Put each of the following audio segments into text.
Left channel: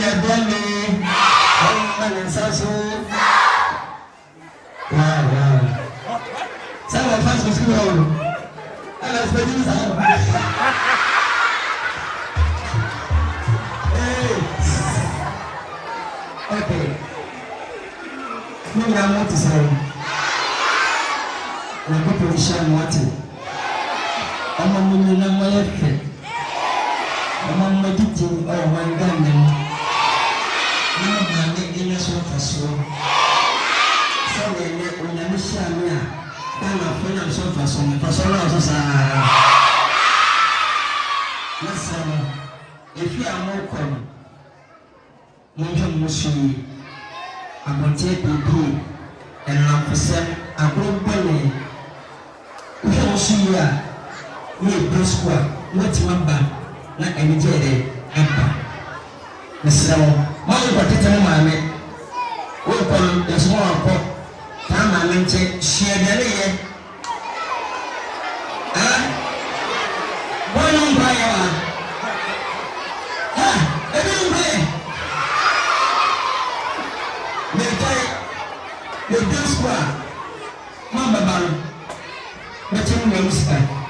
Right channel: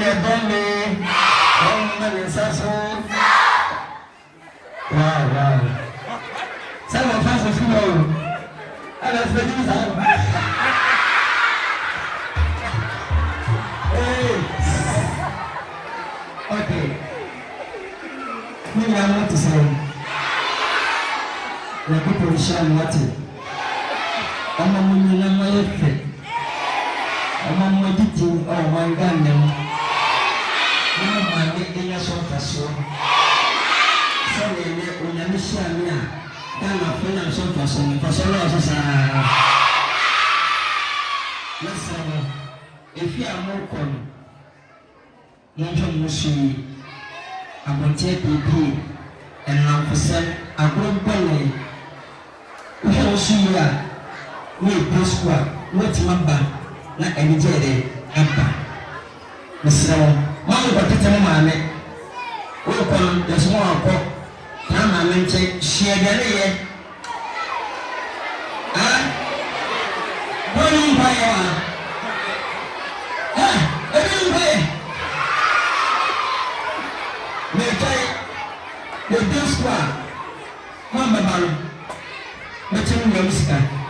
your body. Oh, man, it's so. Wow. Tell my fans what you know. I was ready to okay. I want to say, the people shall what it. I'm a woman in my head. I'm a meditating or my gun. I'm getting us off a soul. So when you miss me, I'm not going to suffer some for listen, if you are more common, you I'm going to take you and I'm for sale. I'm going to buy you. You see, you press what? What's my band? Like I did Empa. Mr. Why you got to tell my welcome, there's more pop. Come and take share the why don't buy everything pay. The bill squad, Mama Barry, but you know, Mr.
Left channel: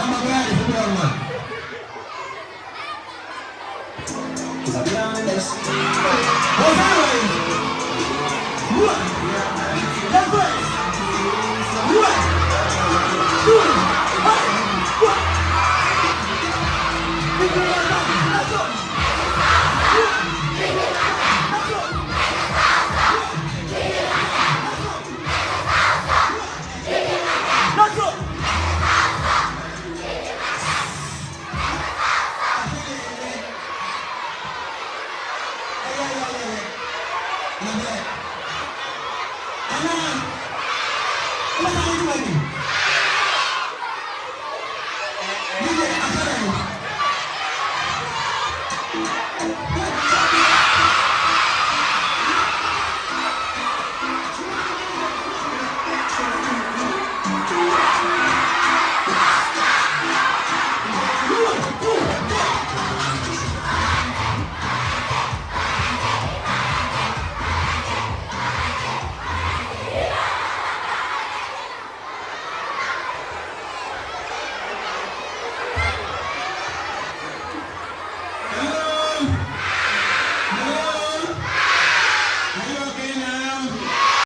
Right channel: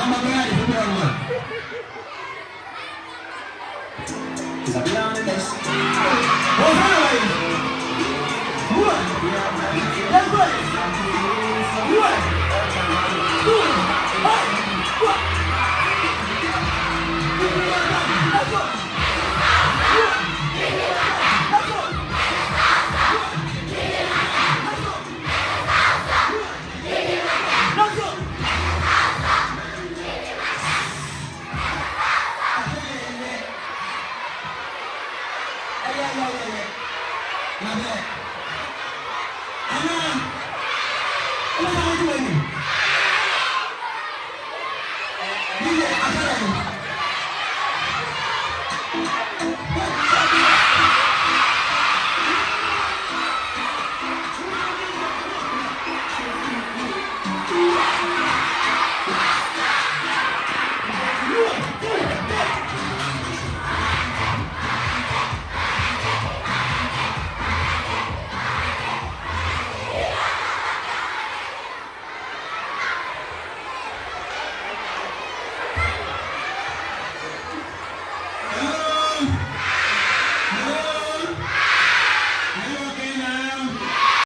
Mama Brady for the one. Is that beyond the next? Oh, hi! What? That's right! What? What? Let's go!